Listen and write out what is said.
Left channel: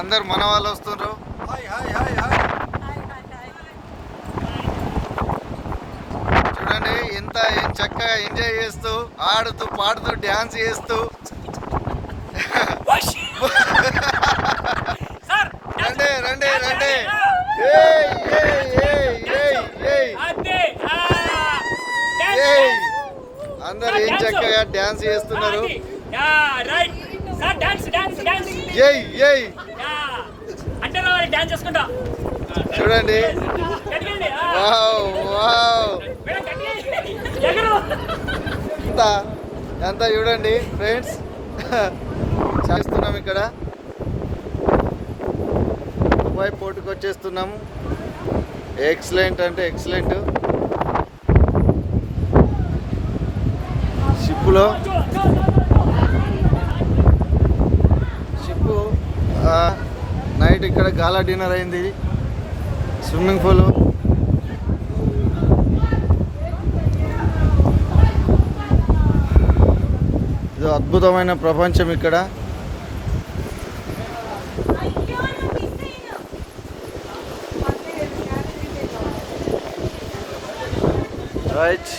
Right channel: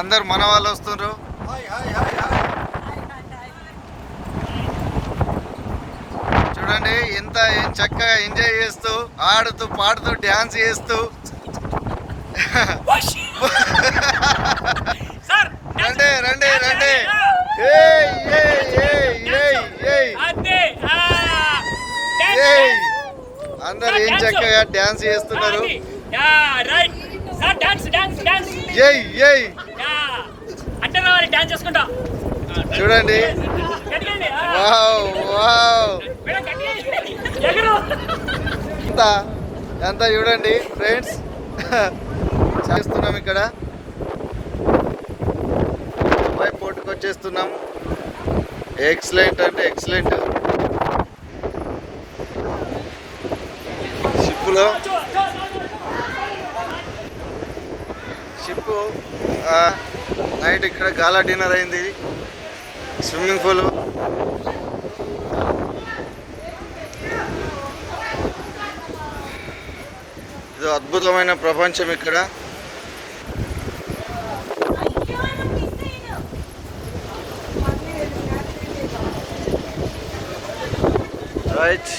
అందరు మన వాళ్ళు వస్తున్నారు. చూడండి ఎంత చక్కగా ఎంజాయ్ చేస్తూ ఆడుతూ పాడుతూ డ్యాన్స్ చేస్తూ రండి రండి రండి. అందరు ఏం చక్కగా డ్యాన్స్ చేస్తున్నారు. చూడండి వావ్ వావ్ అంతా చూడండి ఫ్రెండ్స్ చేస్తున్నాం ఇక్కడ దుబాయ్ పోర్టుకు వచ్చేస్తున్నాము. ఎక్సలెంట్ అంటే ఎక్సలెంట్. షిప్పు నైట్ ఇక్కడ గాలా డిన్నర్ అయింది. స్విమ్మింగ్ పూల్ ఇది అద్భుతమైన ప్రపంచం ఇక్కడ. రైట్